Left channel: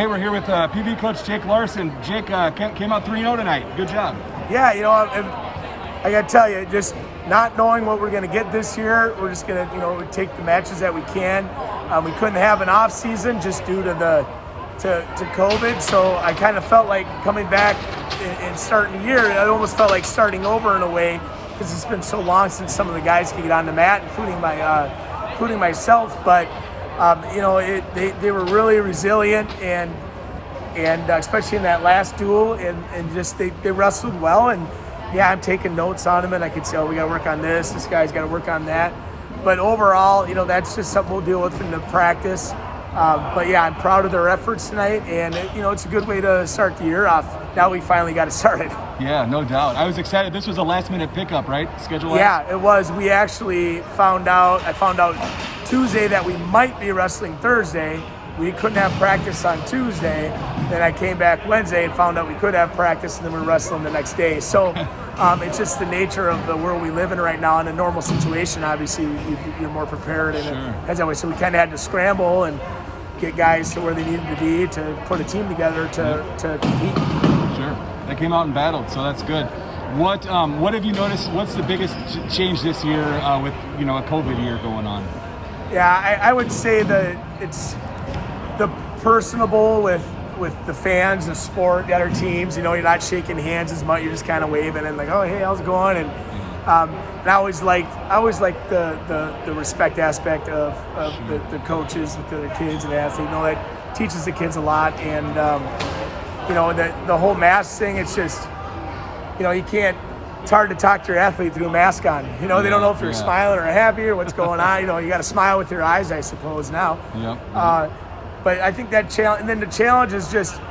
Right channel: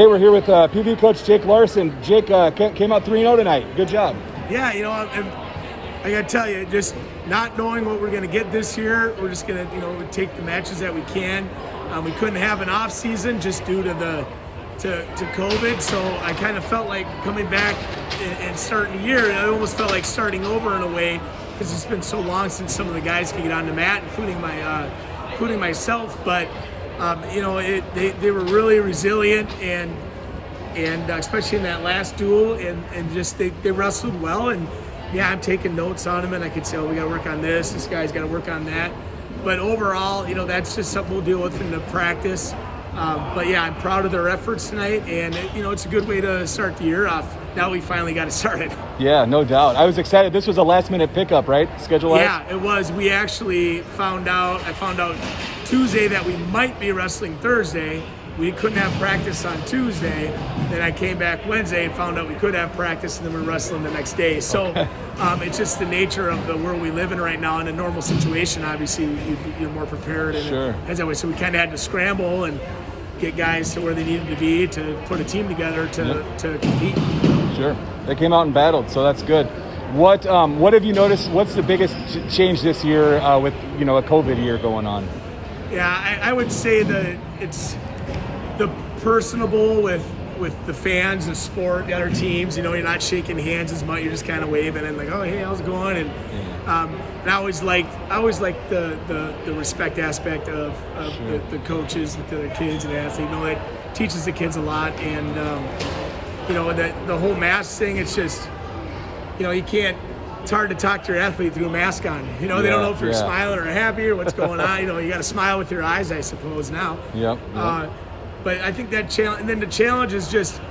Okay, we're here with PV coach Jake Larsen. Jake came out 3-0 tonight. Good job. Yeah, I got to tell you, just not knowing what we're going to get this year, we're just going to, take the matches that we can. We couldn't have an off season just due to to COVID, so I kind of felt like coming back and starting the year. I almost felt like starting over in a way because it's been so long since some of the guys could get on the mat, including myself. But they were really resilient and especially in that last duel and just they wrestled well. And yeah, I'm taking notes on them and I could say, we got to work on this guy's got to work on that. But overall, that's just something we'll deal with in the practice. But yeah, I'm proud of their efforts tonight, and it's a good way to start the year off. Now we finally got it started. Yeah, no doubt. I was excited. This was a last-minute pickup, right? Schedule. Yeah, it was. We actually found out Tuesday that we might be wrestling Thursday. We couldn't have practice on Tuesday. Then I came back Wednesday and found out we could have practice, and then we're wrestling the next day. So it's just the nature of the world we live in right now. In a normal situation, obviously, you're more prepared. And sure. Heads that way. So we kind of had to scramble and get guys to where they needed to be to put a team together to compete. Sure. They came out and battled, so that's good. What have you noticed? What's the biggest change this year with a COVID year going on? Yeah, I would say that it's the personable with the fans, the sport, the other teams. You're not shaking hands as much. You're just kind of waving and like, oh, hey, how's it going? And I always liked the respect aspect of the coaches with the kids and the athletes. That teaches the kids a lot. And the whole mask thing. It's just you can't. It's hard to talk to your athlete through a mask on. They don't know if you're smiling or happy or what's going on. You got to smile with your eyes, I suppose now. Yeah. But I think that challenge, and then the challenge is just,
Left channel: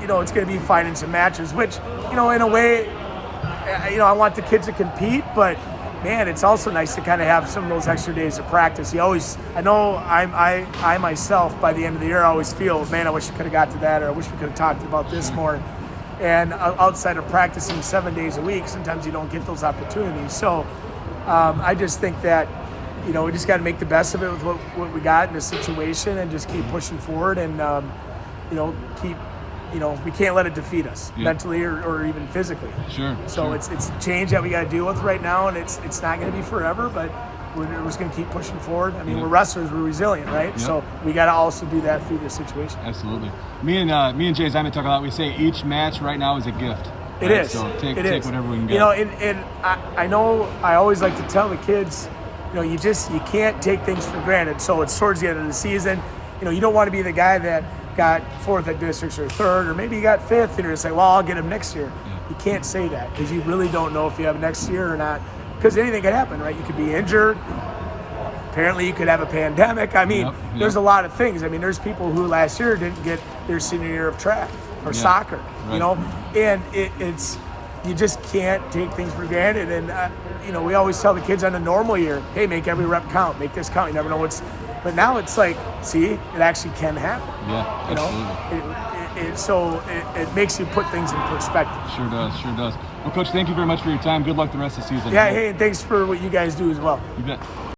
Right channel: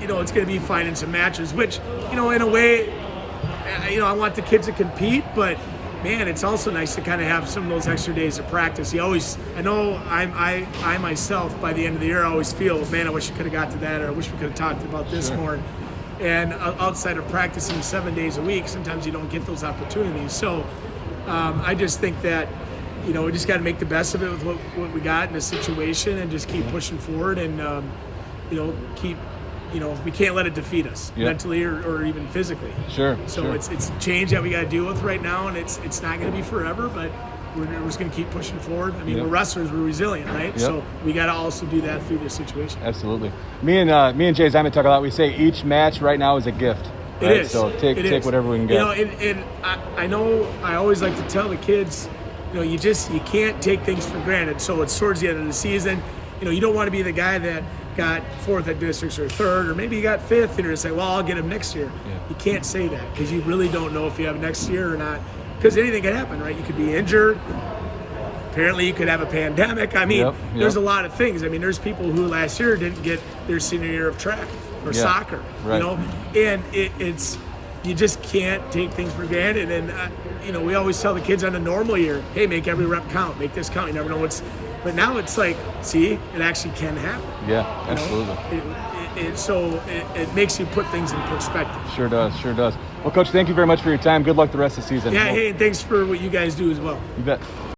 it's going to be finding some matches, which, in a way, I want the kids to compete, but man, it's also nice to kind of have some of those extra days of practice. I know I myself, by the end of the year, I always feel, man, I wish I could have got to that, or I wish we could have talked about this more. And outside of practicing 7 days a week, sometimes you don't get those opportunities. So I just think that, we just got to make the best of it with what we got in the situation and just keep pushing forward and, we can't let it defeat us mentally or even physically. Sure. So it's a change that we got to deal with right now, and it's not going to be forever, but we're just going to keep pushing forward. We're wrestlers, we're resilient, right? So we got to also do that through this situation. Absolutely. Me and Jay Simon talk a lot. We say each match right now is a gift. It is. So take whatever we can get. And I know I always like to tell the kids, you can't take things for granted. So it's towards the end of the season. You don't want to be the guy that got fourth at districts or third, or maybe you got fifth, and you're say, well, I'll get him next year. Yeah. You can't say that because you really don't know if you have next year or not, because anything could happen, right? You could be injured. Apparently, you could have a pandemic. There's a lot of things. There's people who last year didn't get their senior year of track or soccer, right. And it's you just can't take things for granted. And, we always tell the kids on a normal year, hey, make every rep count, make this count. You never know what's, but now it's like, see, it actually can happen. Yeah, absolutely. It makes you put things in perspective. Sure does. Well, Coach, thank you very much for your time. Good luck the rest of the season. Yeah, hey, and thanks for what you guys do as well. You bet.